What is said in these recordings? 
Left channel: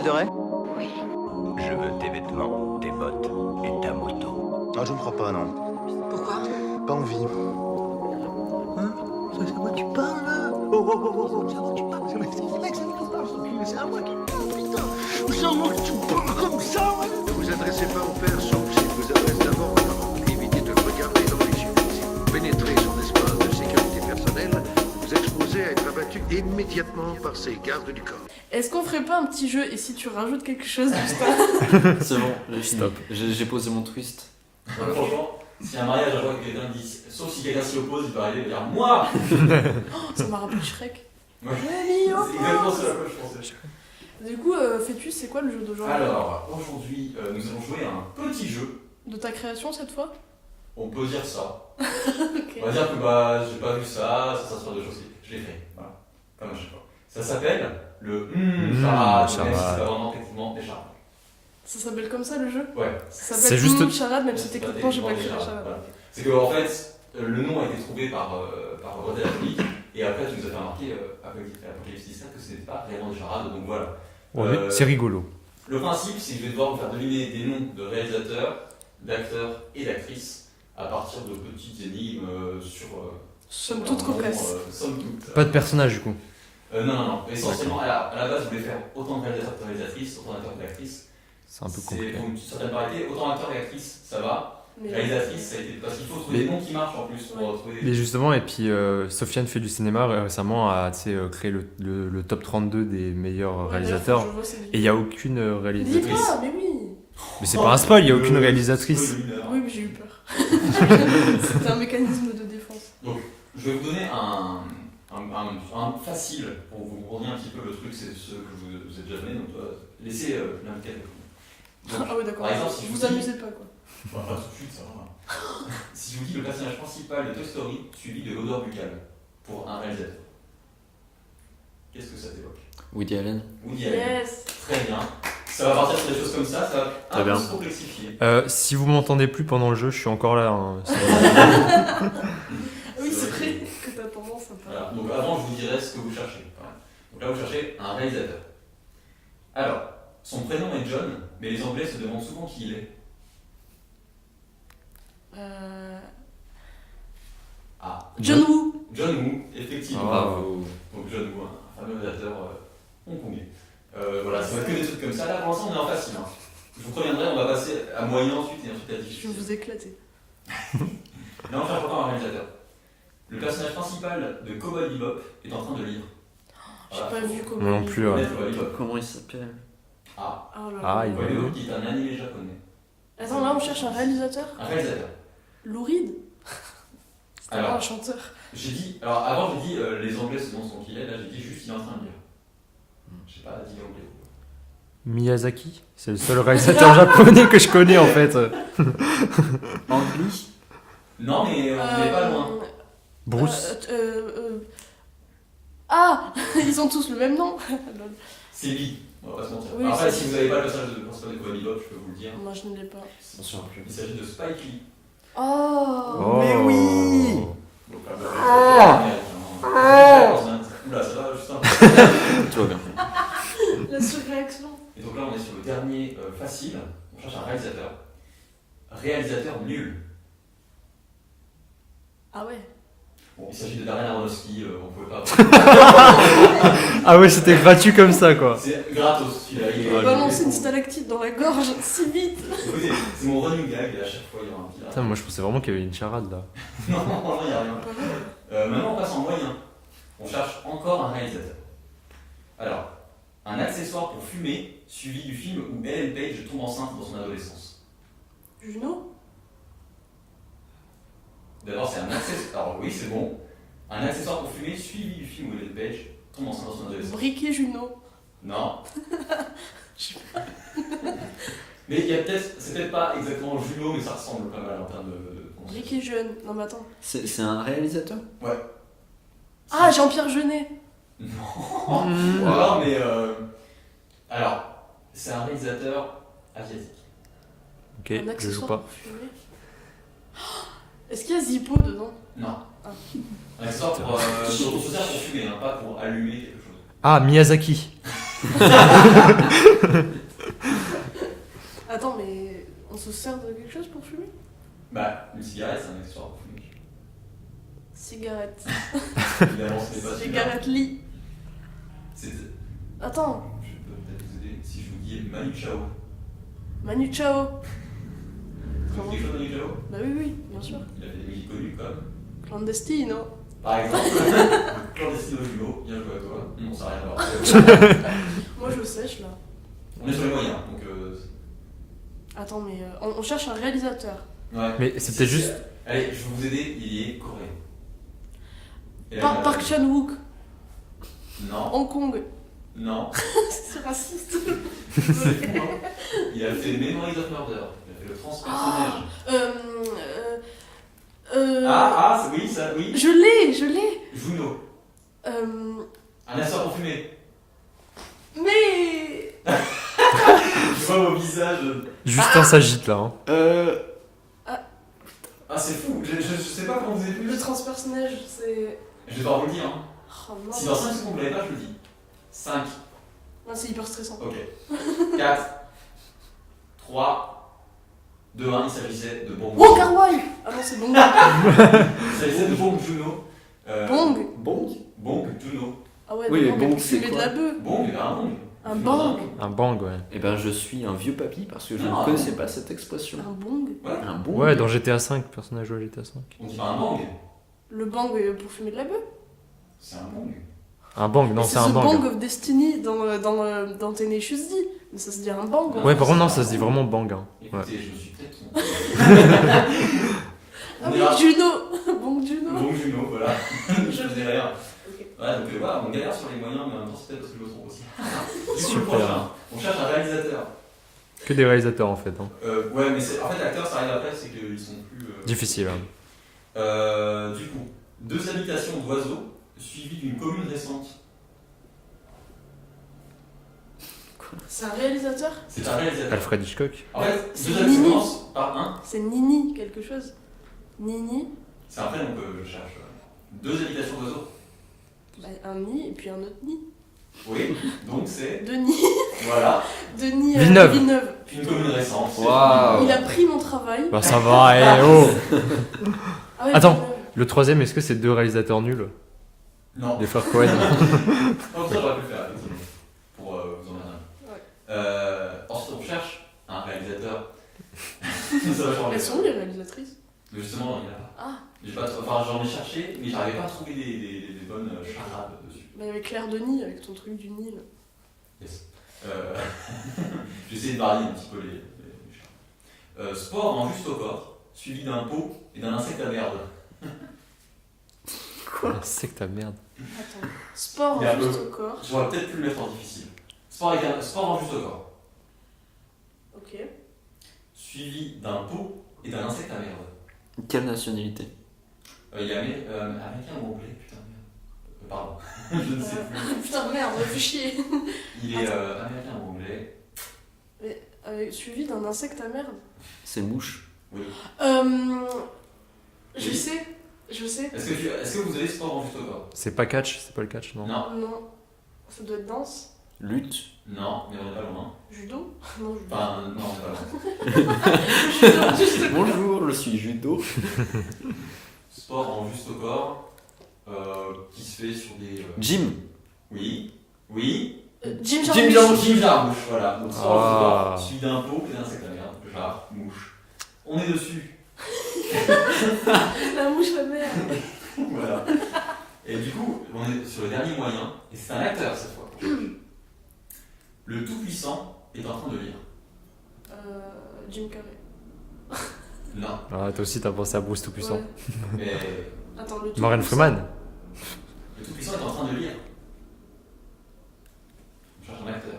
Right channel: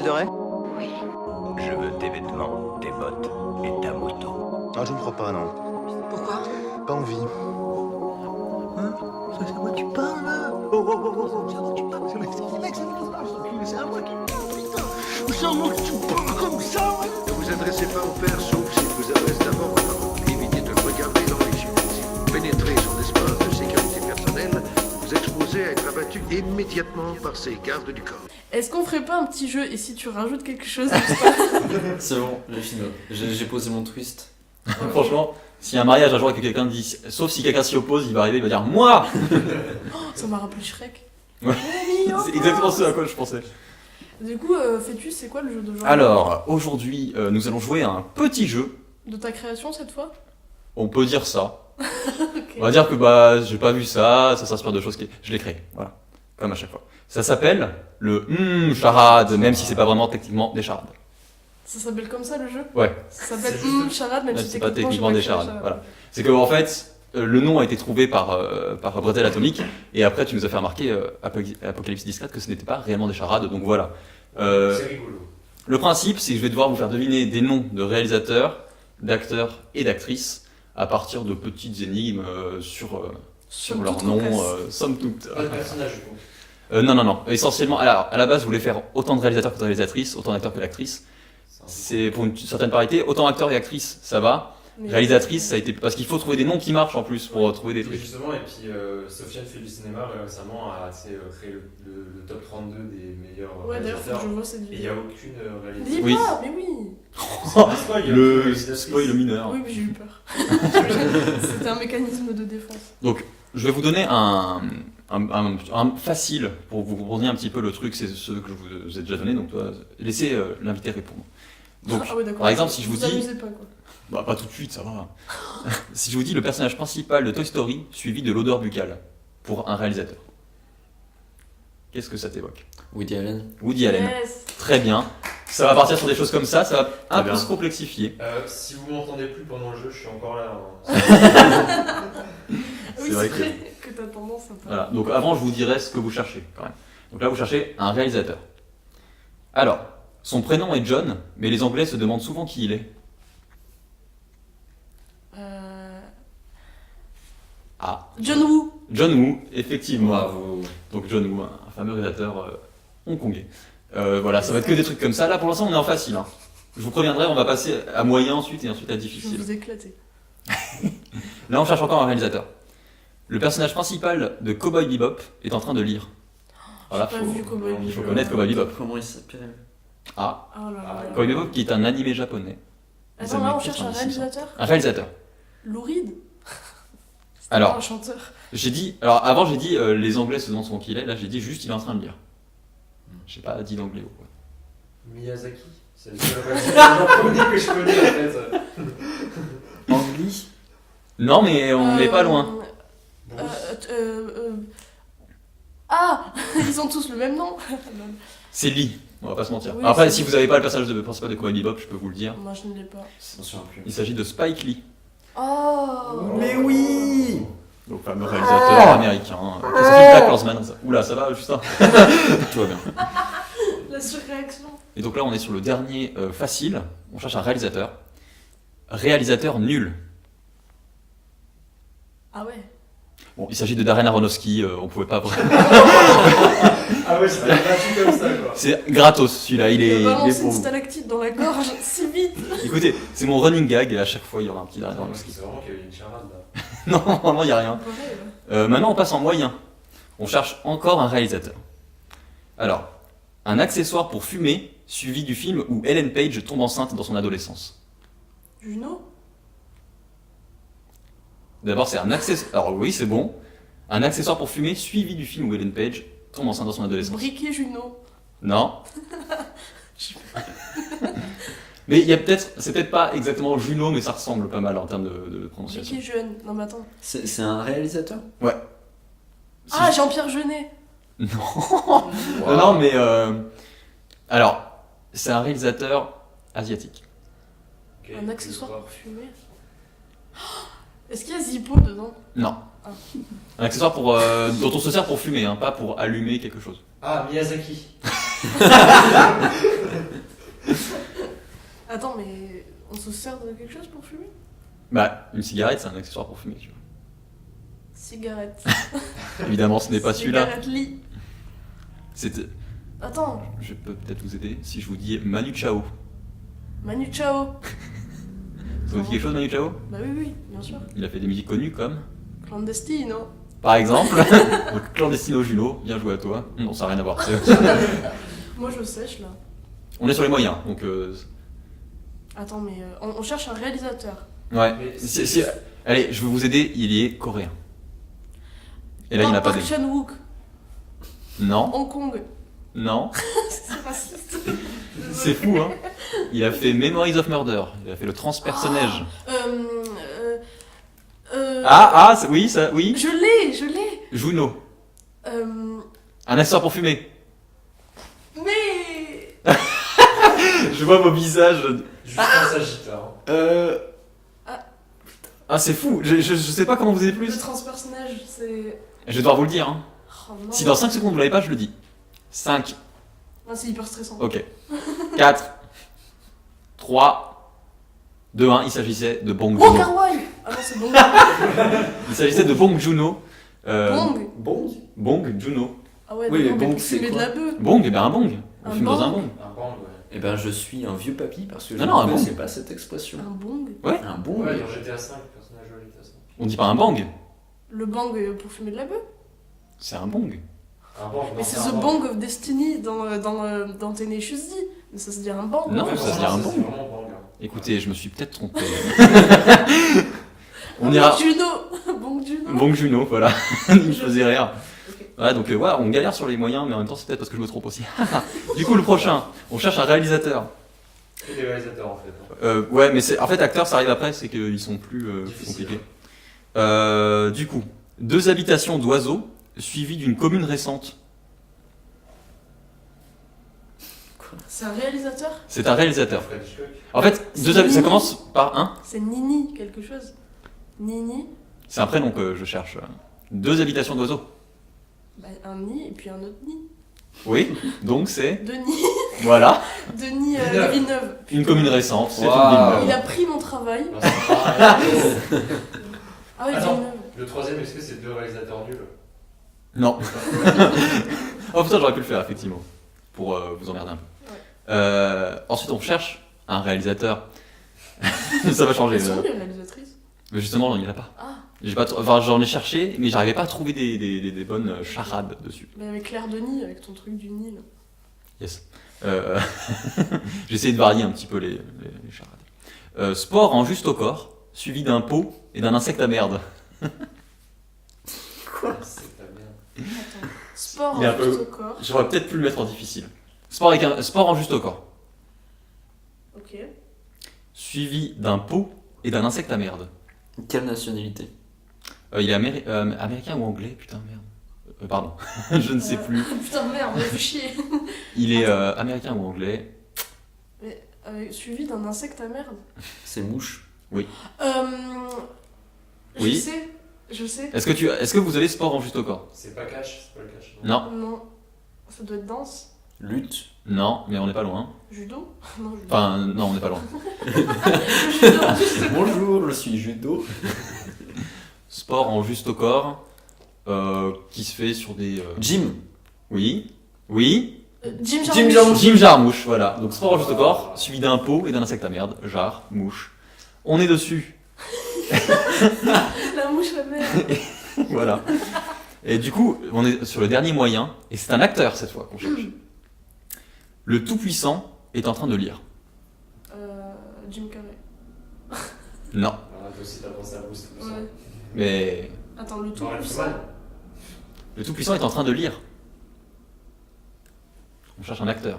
l'île de Ré? Oui. Je veux tes vêtements, tes bottes et ta moto. Ah, je ne crois pas, non. Pourquoi? Pas envie. Hein? C'est à moi que tu parles, là? Oh, c'est à moi que tu parles. C'est à moi que tu parles, c'est à moi qui parle, putain. C'est à moi que tu parles comme ça, ouais. Ne vous adressez pas au père, sauf s'il vous adresse d'abord aux parents. Évitez de le regarder dans les yeux. Si vous pénétrez son espace de sécurité personnelle, vous vous exposez à être abattu immédiatement par ses gardes du corps. Est-ce qu'on ferait pas un petit jeu et si tu rajoutes quelque chose juste après? C'est bon, j'ai fini. J'ai posé mon twist. Franchement, s'il y a un mariage un jour et que quelqu'un dit, sauf si quelqu'un s'y oppose, il va arriver, il va dire moi. Oh, ça m'a rappelé Shrek. Ouais. C'est exactement ce à quoi je pensais. Du coup, Fœtus, c'est quoi le jeu d'aujourd'hui? Alors, aujourd'hui, nous allons jouer à un petit jeu. De ta création cette fois? On peut dire ça. Ok. On va dire que j'ai pas vu ça s'inspire de choses qui. Je l'ai créé, voilà. Comme à chaque fois. Ça s'appelle le charade, même si c'est pas vraiment techniquement des charades. Ça s'appelle comme ça le jeu? Ouais. Ça s'appelle C'est juste- charade, même Ouais, si c'est pas techniquement je sais pas techniquement des que c'est charades, charade. voilà. C'est que en fait, le nom a été trouvé par Bretel Atomique, et après tu nous as fait remarquer, Apocalypse Discrète, que ce n'était pas réellement des charades, donc voilà. C'est rigolo. Le principe, c'est que je vais devoir vous faire deviner des noms de réalisateurs, d'acteurs et d'actrices à partir de petites énigmes sur Somme leur toute nom, cocasse. somme toute. Pas de personnage du coup. Non. Essentiellement, alors, à la base, je voulais faire autant de réalisateurs que de réalisatrices, autant d'acteurs que d'actrices. C'est un peu C'est pour une certaine parité. Autant acteurs et actrices, ça va. Mais- Réalisatrice, ça a été. Parce qu'il faut trouver des noms qui marchent en plus pour trouver des Et trucs. justement, et puis Sofiane fait du cinéma récemment a créé le top 32 des meilleurs Ouais, d'ailleurs, faut réalisateurs. que je vois cette Et il vidéo. n'y a aucune Dis réalisatrice. Oui. pas, mais oui! Mais c'est pas un spoil, il n'y a aucune Le réalisatrice. spoil mineur. Oui, mais j'ai eu peur. C'était un mécanisme de défense. Je vais vous donner un facile pour vous compreniez un petit peu le truc, c'est ce que je vous ai déjà donné, donc toi, laissez l'invité répondre. Donc, Ah oui, d'accord. par exemple, si je vous dis- amusez pas quoi. bah pas tout de suite, ça va. Si je vous dis le personnage principal de Toy Story suivi de l'odeur buccale pour un réalisateur, qu'est-ce que ça t'évoque? Woody Allen. Woody Allen. Yes! Très bien. Ça va partir sur des choses comme ça va un Très peu bien. se complexifier. Si vous m'entendez plus pendant le jeu, je suis encore là. hein. Oui, C'est vrai c'est vrai que t'as tendance à pas. Voilà. Donc avant, je vous dirai ce que vous cherchez quand même. Donc là, vous cherchez un réalisateur. Alors, son prénom est John, mais les Anglais se demandent souvent qui il est. Ah, John Woo! John Woo, effectivement. Bravo. Donc John Woo, un fameux réalisateur hongkongais. Voilà, ça va être que des trucs comme ça. Là, pour l'instant, on est en facile. Hein. Je vous préviendrai, on va passer à moyen ensuite et ensuite à Je vais difficile. vous éclater. Là, on cherche encore un réalisateur. Le personnage principal de Cowboy Bebop est en train de lire. J'ai Voilà, pas faut vu comment non il plus, est. ouais. connaître Cowboy Bebop. Comment il s'appelle? Ah, Oh là Ah, là. il Cowboy Bebop qui est un animé japonais. Attends, là on cherche un réalisateur? Un réalisateur. Lou Reed? C'était Alors. pas un chanteur. J'ai dit, alors avant j'ai dit les Anglais se demandent son qu'il est, là j'ai dit juste il est en train de lire. J'ai pas dit l'anglais. Miyazaki, c'est le seul réalisateur japonais que je connais en fait. Angli. Non mais on n'est pas loin. Bruce. Ah! Ils ont tous le même nom! Lol. C'est Lee, on va pas se mentir. Oui, Après c'est si Lee. vous avez pas le personnage principal de Cowboy Bebop, je peux vous le dire. Moi je ne l'ai pas. Attention plus. Il s'agit de Spike Lee, Oh! Mais oui. donc fameux réalisateur américain. C'est Black Horseman, ça. Oula ça va Justin. Tout va bien. La surréaction! Et donc là on est sur le dernier facile, on cherche un réalisateur. Réalisateur nul. Ah ouais? Bon, il s'agit de Darren Aronofsky, on pouvait pas. Ah ouais, c'était battu comme ça quoi. C'est gratos celui-là, il est. Il va balancer il est une pour- stalactite dans la gorge si vite! Écoutez, c'est mon running gag et à chaque fois il y aura un petit Darren. Putain, moi je pensais vraiment qu'il y avait une charade là. Non, vraiment il n'y a rien. Pas vrai, ouais. Maintenant on passe en moyen. On cherche encore un réalisateur. Alors, un accessoire pour fumer suivi du film où Ellen Page tombe enceinte dans son adolescence. Juno? D'abord c'est un accessoire. Alors oui c'est bon. Un accessoire pour fumer suivi du film où Ellen Page tombe enceinte dans son adolescence. Briquet Juno? Non. Mais il y a peut-être, c'est peut-être pas exactement Juno, mais ça ressemble pas mal en termes de prononciation. Briquet Jeune? Non mais attends. C'est un réalisateur? Ah, Jean-Pierre Jeunet! Non, non, mais alors, c'est un réalisateur asiatique. Ok, Un je accessoire joue pas. pour fumer? Oh, est-ce qu'il y a Zippo dedans? Non. Ah. Un accessoire pour, dont on se sert pour fumer, hein, pas pour allumer quelque chose. Ah, Miyazaki. Attends, mais on se sert de quelque chose pour fumer? Bah, une cigarette, c'est un accessoire pour fumer. Cigarette. Évidemment, ce n'est pas celui-là. Cigarette lit. C'est... Attends, Je peux peut-être vous aider si je vous dis Manu Chao. Manu Chao. Ça vous dit quelque chose, Manu Chao? Bah oui, bien sûr. Il a fait des musiques connues comme, Clandestino. par exemple, Clandestino Juno, bien joué à toi. Non, ça n'a rien à voir. Moi je sèche là. On est sur les moyens, donc... Attends, mais on cherche un réalisateur. Ouais, Mais c'est c'est juste... Allez, je vais vous aider, il est coréen. Et là, il n'a pas Park dit. Chan-wook. Non, Hong Kong. non, C'est raciste. c'est fou, hein. Il a fait Memories of Murder, il a fait le transpersonnage. Oui, ça, oui. Je l'ai. Juno, Euh, un accessoire pour fumer. mais... Je vois vos visages. Justin s'agite là. Hein. Ah, c'est fou, je sais pas comment vous avez Le plus. transpersonnage, c'est... Je vais devoir vous le dire, hein. Oh non. Si dans 5 secondes vous l'avez pas, je le dis. 5, Non, c'est hyper stressant. ok. 4, 3, 2, 1, il s'agissait de Bong Oh, Juno. Kar-wai. Ah non, c'est bon. Il s'agissait de Bong Juno. Bong. Bong Juno. Ah ouais, Oui, d'accord, mais mais Bong, pour c'est fumer de quoi la bœuf. Bong, eh bien un bong. On Un fume dans bong. Un bang, ouais. Eh ben, je suis un vieux papy parce que je Non, non, ne un connaissais bong. pas cette expression. Un bong. Un bon. Ouais, dans GTA V, personnage joué à GTA V. On dit pas un bang, Le bang pour fumer de la bœuf. c'est un bong. Un bang, non, Mais c'est c'est un The bang. Bang of Destiny dans Tenacious D. Mais ça se dit un bang. Non. Ouais, par contre, non, c'est ça un se dit bang. vraiment bang. Hein. Écoutez, je me suis peut-être trompé. Ah, On ira. Bong Juno. Bong Juno. Bong Juno, voilà. Je faisais rire. Ok. Ouais, donc ouais, on galère sur les moyens, mais en même temps, c'est peut-être parce que je me trompe aussi. Du coup, le prochain, on cherche un réalisateur. Que des réalisateurs en fait. Hein. Ouais, mais en fait, acteurs, ça arrive après, c'est qu'ils sont plus. Difficile, compliqués. Du coup, 2 habitations d'oiseaux suivies d'une commune récente. C'est un réalisateur. C'est un réalisateur. Alfred Hitchcock. En fait, C'est ça Nini. commence par un. C'est Nini quelque chose. Nini. C'est un prénom que je cherche. 2 habitations d'oiseaux. Bah, un nid et puis un autre nid. Oui, donc c'est. Denis. Voilà, Denis Villeneuve. Villeneuve. une commune récente. c'est Waouh. une Il a pris mon travail. Bah ça va, eh, oh. Ah ouais, Attends. Villeneuve. Le troisième, est-ce que c'est 2 réalisateurs nuls? Non. Les frères Cohen. Oh putain, j'aurais pu le faire, effectivement. Pour vous emmerder un peu. Ouais. Ensuite, on cherche un réalisateur. Ça va changer. Elles sont où les réalisatrices? Mais justement, il n'y en a pas. Ah, Enfin, j'en ai cherché, mais j'arrivais pas à trouver des bonnes charades dessus. bah avec Claire Denis, avec ton truc du Nil. Yes. J'ai essayé de varier un petit peu les charades. Sport en juste au corps, suivi d'un pot et d'un insecte à merde. C'est que ta merde. Attends. Sport Il est un juste peu- au corps. J'aurais peut-être pu le mettre en difficile. Sport en juste au corps, Ok. suivi d'un pot et d'un insecte à merde. Quelle nationalité? Il est américain ou anglais? Putain, merde. Pardon, je ne sais plus. Putain, merde, fais chier. Il est américain ou anglais? Suivi d'un insecte à merde. C'est mouche. Je Oui. sais. Je sais. Est-ce que vous avez sport en juste au corps? C'est pas catch, c'est pas le catch, non? Non, Non. Ça doit être danse. Lutte. non, mais on n'est pas loin. Judo. Non, judo. Enfin, non, on n'est pas loin. Judo, juste. Bonjour, je suis judo. Sport en juste au corps, qui se fait sur des. Jim. Oui, oui. Jim Jim Jarmusch. Jim Jarmusch, voilà. Donc sport en juste au Ah. corps, suivi d'un pot et d'un insecte à merde. Jar, mouche. On est dessus. La mouche à merde. Voilà. Et du coup, on est sur le dernier moyen, et c'est un acteur cette fois qu'on cherche. Le Tout-Puissant est en train de lire. Jim Carrey. Non, Ah, toi aussi, t'as pensé à Bruce Tout-Puissant. Ouais. mais Attends, le tout. Morgan Freeman. le Tout-Puissant est en train de lire. On cherche un acteur.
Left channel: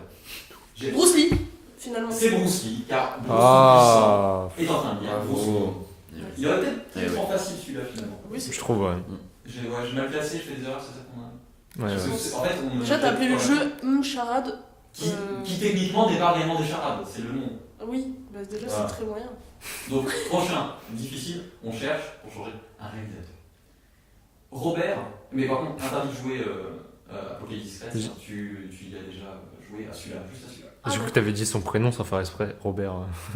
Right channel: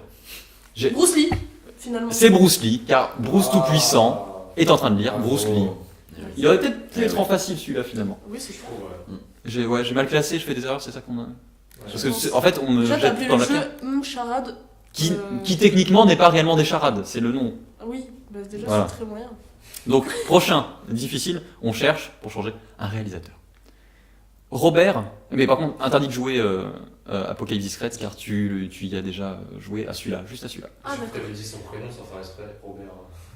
Bruce Lee, finalement. C'est Bruce Lee, car Bruce Tout-Puissant est en train de lire. Bravo. Bruce Lee. Il aurait peut-être pu Eh être oui. en facile celui-là finalement. Oui, c'est Je trouve, ouais. J'ai mal classé, je fais des erreurs, c'est ça qu'on a. Ouais, Parce ouais. que en fait, on me Déjà, t'as jette appelé dans le la- jeu Charade. qui techniquement n'est pas réellement des charades, c'est le nom. Ah oui, bah déjà, Voilà. c'est très moyen. Donc, prochain, difficile, on cherche, pour changer, un réalisateur. Robert, mais par contre, interdit de jouer Apocalypse Discrète, car tu y as déjà joué à celui-là, juste à celui-là. Ah, Du coup, d'accord. t'avais dit son prénom sans faire exprès, Robert.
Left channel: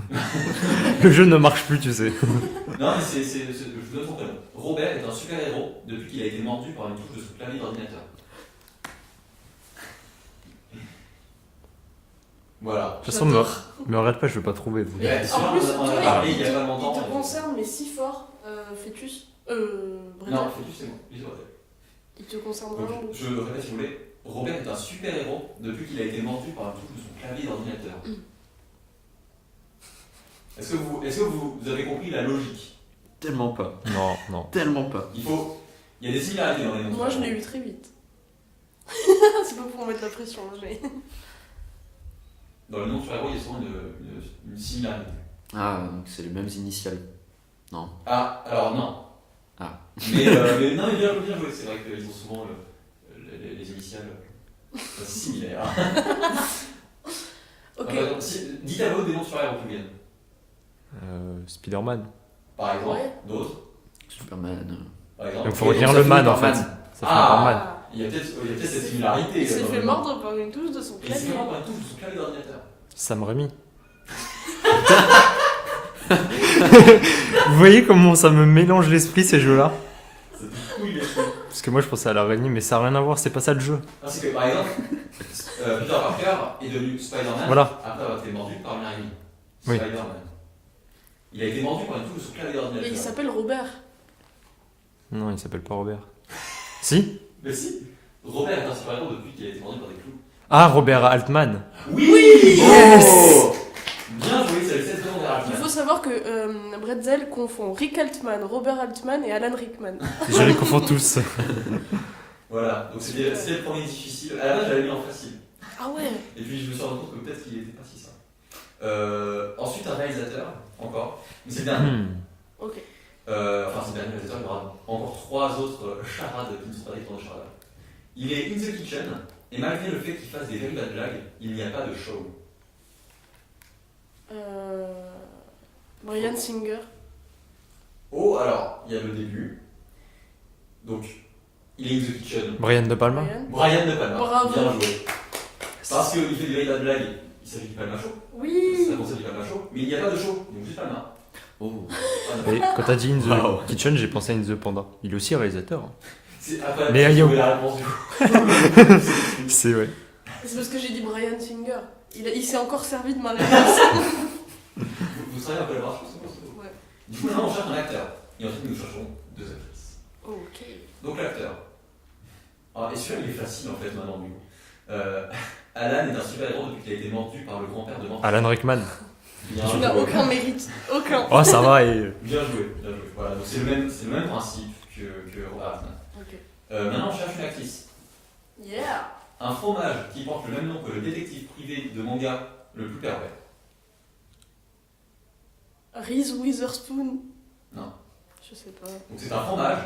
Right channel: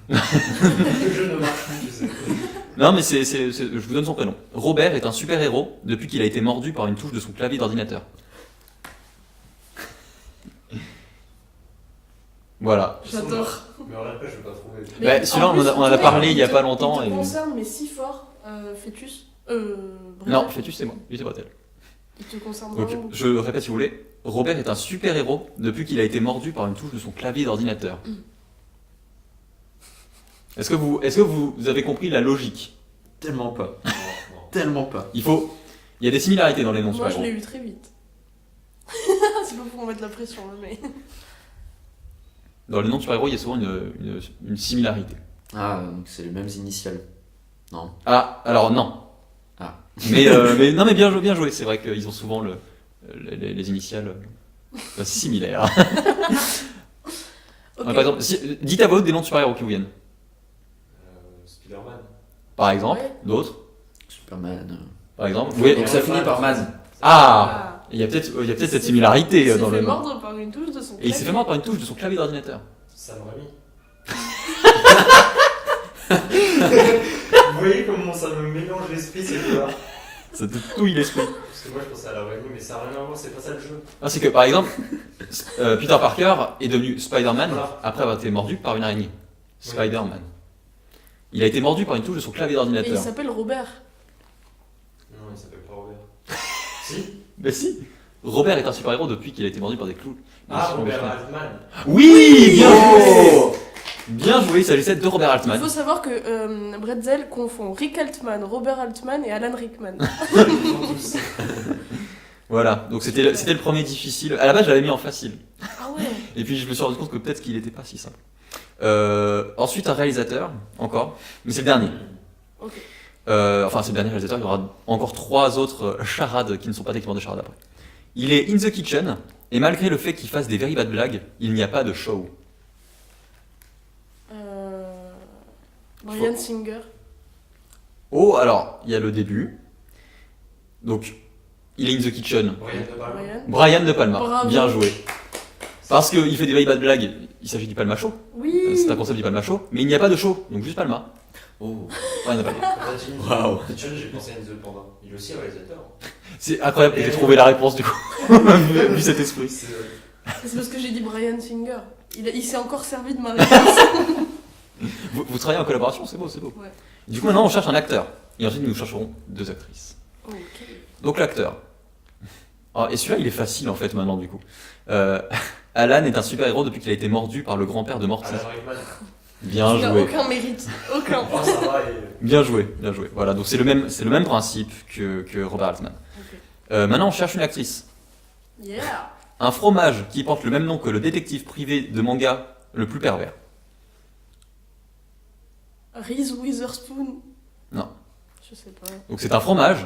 Le jeu ne marche plus, tu sais. Non, mais je vous donne son prénom. Robert est un super-héros depuis qu'il a été mordu par une touche de son clavier d'ordinateur. De Voilà. toute façon, J'adore. me regarde pas, je vais pas trouver. Mais Bah, celui-là, en plus, on en a toi, parlé il y a pas te- longtemps. Il te et- concerne, mais si fort, Fœtus. Bretzel. Non, Fœtus, c'est moi. Lui, c'est Bretzel. Il te concerne Donc, vraiment beaucoup. je répète si vous voulez. Robert est un super-héros depuis qu'il a été mordu par une touche de son clavier d'ordinateur. Mm. Est-ce que vous avez compris la logique? Tellement pas. Non, non. Tellement pas. Il y a des similarités dans les noms. Moi, je super-héros. l'ai eu très vite. C'est pas pour mettre la pression, là, mais. Dans les noms de super-héros, il y a souvent une similarité. Ah, donc c'est les mêmes initiales. Non. Ah, alors non. Ah. Mais non, mais bien joué. C'est vrai qu'ils ont souvent les initiales similaires. Ok. Par exemple, dites à voix haute des noms de super-héros qui vous viennent. Spider-Man. Par exemple, Ouais. d'autres. Superman. Par exemple. Il faut Oui, dire donc le ça finit man, par en fait. man. C'est Ah, il y a peut-être cette similarité Il s'est dans fait le nom. mordre par une touche de son Et il s'est fait clavier. mordre par une touche de son clavier d'ordinateur. Sam Raimi. Vous voyez comment ça me mélange l'esprit ces jeux-là? Ça te touille l'esprit. Parce que moi je pensais à l'araignée, mais ça n'a rien à voir, c'est pas ça le jeu. Ah, c'est que par exemple, Peter Parker est devenu Spider-Man Voilà. après avoir été mordu par une araignée. Oui. Spider-Man. Il a été mordu par une touche de son clavier Et il d'ordinateur. s'appelle Robert. Non, il s'appelle pas Robert. Si? Mais si. Robert est un super-héros depuis qu'il a été mordu par des clous. Ah, Robert Altman. Oui, Oh Bien joué, c'est le de Robert Il Altman. faut savoir que Bretzel confond Rick Altman, Robert Altman et Alan Rickman. Je les confonds tous. Voilà, donc c'était le premier difficile. À la base, je l'avais mis en facile. Ah ouais. Et puis je me suis rendu compte que peut-être qu'il n'était pas si simple. Ensuite, un réalisateur, encore. Mais c'est le dernier. Ok. Enfin, c'est le dernier réalisateur. Il y aura encore 3 autres charades qui ne sont pas techniquement des charades après. Il est in the kitchen, et malgré le fait qu'il fasse des very bad blagues, il n'y a pas de show. Brian Singer. Oh, alors, il y a le début. Donc, il est in the kitchen. Brian De Palma. Brian De Palma. Bravo. Bien joué. Parce qu'il fait des very bad blagues, il s'agit du Palma Show. Oui. C'est un concept du Palma Show, mais il n'y a pas de show, donc juste Palma. Oh. Rien n'a pas dit. Quand t'as dit In the Wow. Kitchen, j'ai pensé à In the Panda. Il est aussi réalisateur. C'est incroyable, Les j'ai aliens. trouvé la réponse du coup. Vu cet esprit. C'est vrai. C'est parce que j'ai dit Brian Singer. Il s'est encore servi de ma réponse. Vous travaillez en collaboration, c'est beau, c'est beau. Ouais. Du coup, maintenant, on cherche un acteur. Et ensuite, nous chercherons 2 actrices. Ok. Donc, l'acteur. Ah, et celui-là, il est facile en fait maintenant, du coup. Alan est un super-héros depuis qu'il a été mordu par le grand-père de Morty. Alan Rickman. Bien Tu n'as joué. aucun mérite. Aucun. Oh, ça va. Et... Bien joué, bien joué. Voilà, donc c'est le même principe que Robert Altman. Ok. Maintenant, on cherche une actrice. Yeah. Un fromage qui porte le même nom que le détective privé de manga le plus pervers. Reese Witherspoon. Non. Je sais pas. Donc c'est un fromage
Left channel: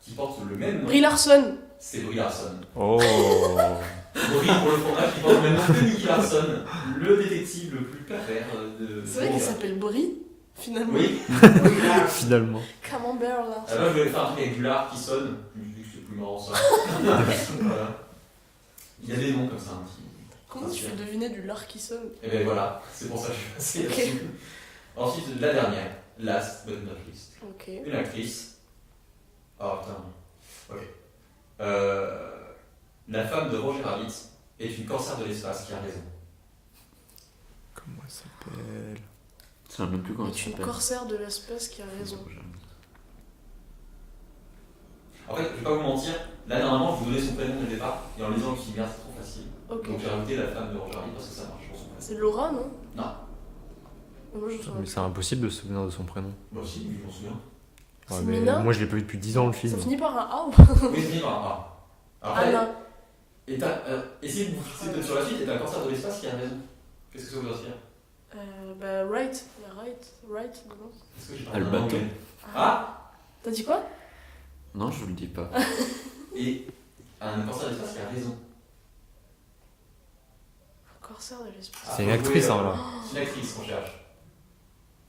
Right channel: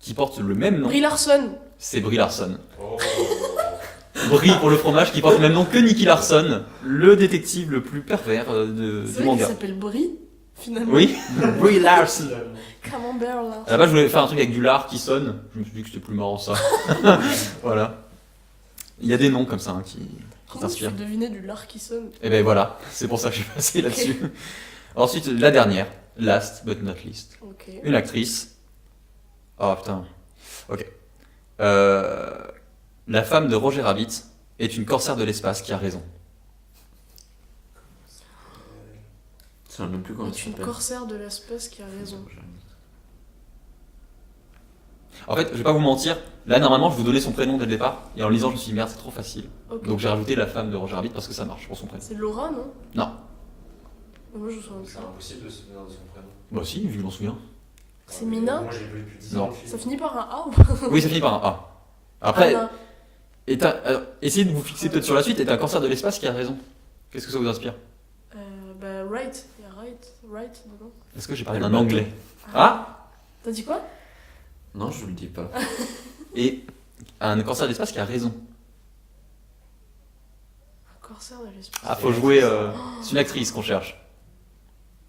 qui porte le même nom. Brie Larson. C'est Brie Larson. Oh. Brie pour le fromage qui porte le même nom que Nicky Larson, le détective le plus pervers C'est du vrai qu'il manga. s'appelle Brie, finalement. Oui, Brie Larson. Finalement. Camembert là. À la base, je voulais faire un truc avec du lard qui sonne. Je me suis dit que c'était plus marrant ça. Voilà. Il y a des noms comme ça hein, qui Comment tu t'inspirent. fais deviner du lard qui sonne? Et ben voilà, c'est pour ça que je suis passé Ok. là-dessus. Ensuite, la dernière, last but not least. Ok. Une actrice. Oh putain. Ok. La femme de Roger Rabbit est une corsaire de l'espace qui a raison. Comment ça s'appelle? Ça ne même plus comment Et ça une s'appelle. corsaire de l'espace qui a raison. En fait, je vais pas vous mentir, là normalement je vous donnais son prénom dès le départ, et en lisant je me suis dit merde c'est trop facile. Ok. Donc j'ai rajouté la femme de Roger Rabbit parce que ça marche pour son prénom. C'est Laura, non? Non. Moi je me souviens Mais plus. c'est impossible de se souvenir de son prénom. Bah si, je m'en souviens. C'est Ouais, mais Mina? Moi je l'ai pas vu depuis 10 ans le film. Ça finit par un A ou Oui, ça finit par un A. Après, Anna. essayez de vous fixer peut-être sur la suite, et t'as un cancer de l'espace qui a raison. Qu'est-ce que ça vous inspire? Bah, Wright. Il y a Wright dedans. Est-ce que j'ai parlé Le d'un bateau. anglais? Ah. T'as dit quoi? Non, je vous le dis pas. Et un cancer de l'espace qui a raison. Un corsaire de l'espace. Ah, C'est faut une jouer. actrice, alors. C'est une actrice qu'on cherche.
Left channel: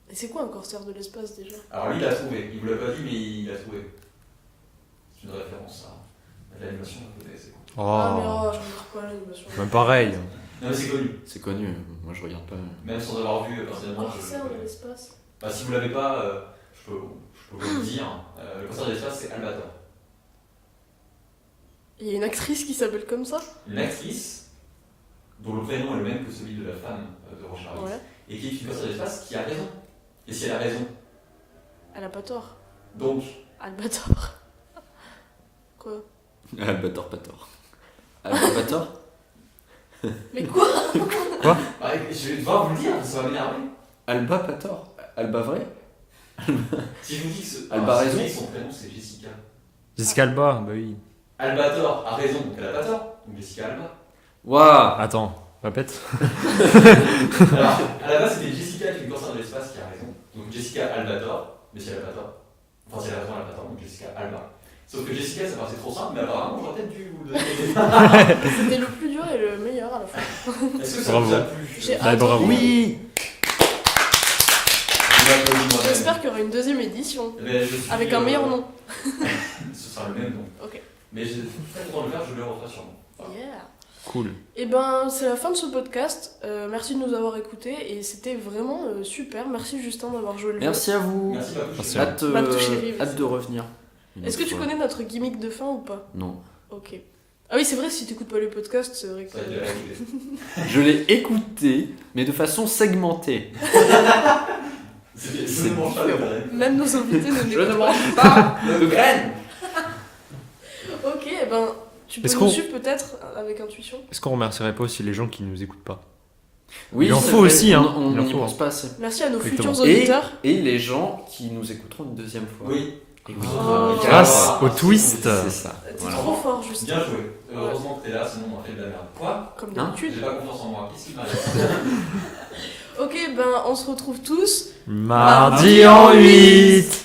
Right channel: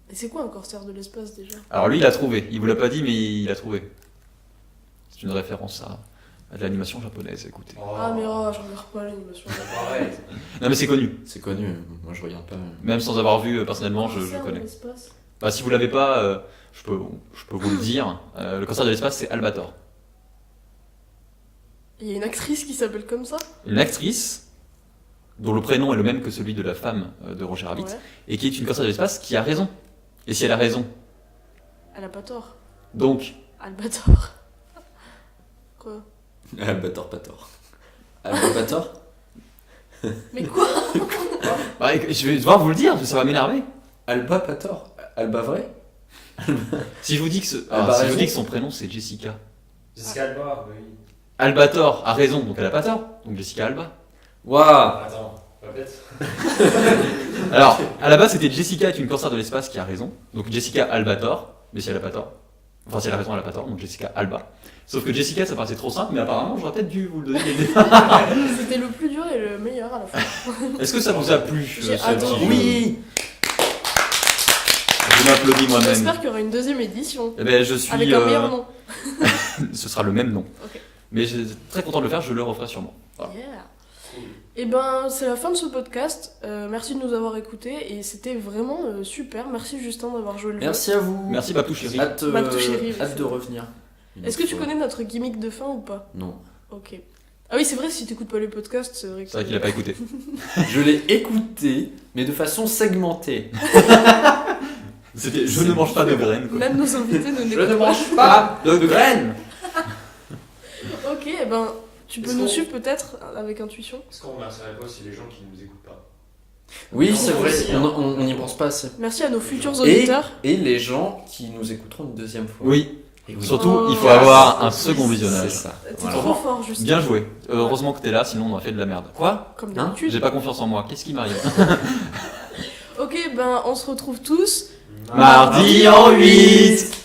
Et c'est quoi un corsaire de l'espace déjà? Alors lui, il a trouvé. Il vous l'a pas dit, mais il a trouvé. C'est une référence à De l'animation japonaise, écoute. Oh. Ah, mais oh, je regarde pas l'animation. Bah, pareil. Non, mais c'est connu. C'est connu, moi je regarde pas. Même sans avoir vu personnellement, je Cancer de connais. l'espace. Bah, si vous l'avez pas, je peux vous le dire. Le cancer de l'espace, c'est Albator. Il y a une actrice qui s'appelle comme ça. Une actrice dont le prénom est le même que celui de la femme de Roger Rabbit, Ouais. et qui est une cancer de l'espace qui a raison. Et si elle a raison, Elle a pas tort. donc Albator. Quoi? Albator, pas tort. Albator. Mais quoi? bah, je vais devoir vous le dire, ça va m'énerver. Alba, pas tort. Alba vrai. Si je vous dis que, Elle a si je raison. vous dis que son prénom c'est Jessica. Jessica Alba, bah oui. Albator a raison, donc elle a pas tort. Donc Jessica Alba. Waouh. Attends, répète. Alors, à la base, c'était Jessica est une cancer de l'espace qui a raison. Donc Jessica Albator, mais si elle a pas tort. Enfin, si elle a raison, elle a pas tort, donc Jessica Alba. Sauf que Jessica, ça paraissait trop simple, mais apparemment, j'aurais peut-être dû vous le donner dès le départ. C'était le plus dur et le meilleur à la fois. Est-ce que ça vous a plu? J'ai J'avais adoré. besoin. Oui. Je m'applaudis moi-même. J'espère qu'il y aura une deuxième édition. Eh ben, je suis, Avec un meilleur nom. Ce sera le même nom. Ok. Mais je suis très content de le faire, je le referai sûrement. Voilà. Yeah. Cool. Et ben, c'est la fin de ce podcast. Merci de nous avoir écoutés et c'était vraiment super. Merci Justin d'avoir joué le jeu. Merci à vous. Merci Papou chérie. Hâte, Babtou chérie, oui, hâte c'est de vrai. revenir. une Est-ce que autre tu fois. connais notre gimmick de fin ou pas? Non. Ok. Ah oui, c'est vrai, si t'écoutes pas les podcasts, c'est vrai que... C'est vrai qu'il a pas écouté. Je l'ai écouté, mais de façon segmentée. C'était je ne mange pas de graines. Même nos invités ne Je n'écoutent ne pas. mange pas de graines. Ok, et ben, tu peux Est-ce nous qu'on- suivre peut-être avec intuition. Est-ce qu'on remercierait pas aussi les gens qui nous écoutent pas? Oui, Il en c'est faut vrai, aussi, hein. on Il en n'y faut. pense pas assez. Merci à nos Exactement. futurs auditeurs. Et les gens qui nous écouteront une deuxième fois. Oui. Et oui. Surtout, Oh. il faut Grâce avoir au un second twist. visionnage. C'est ça. T'es Voilà. trop fort, Justin. Bien joué. Heureusement que t'es là, sinon on aurait fait de la merde. Quoi? Comme Hein d'habitude. J'ai pas confiance en moi. Qu'est-ce qui m'arrive? Ok, ben, on se retrouve tous Mardi en 8.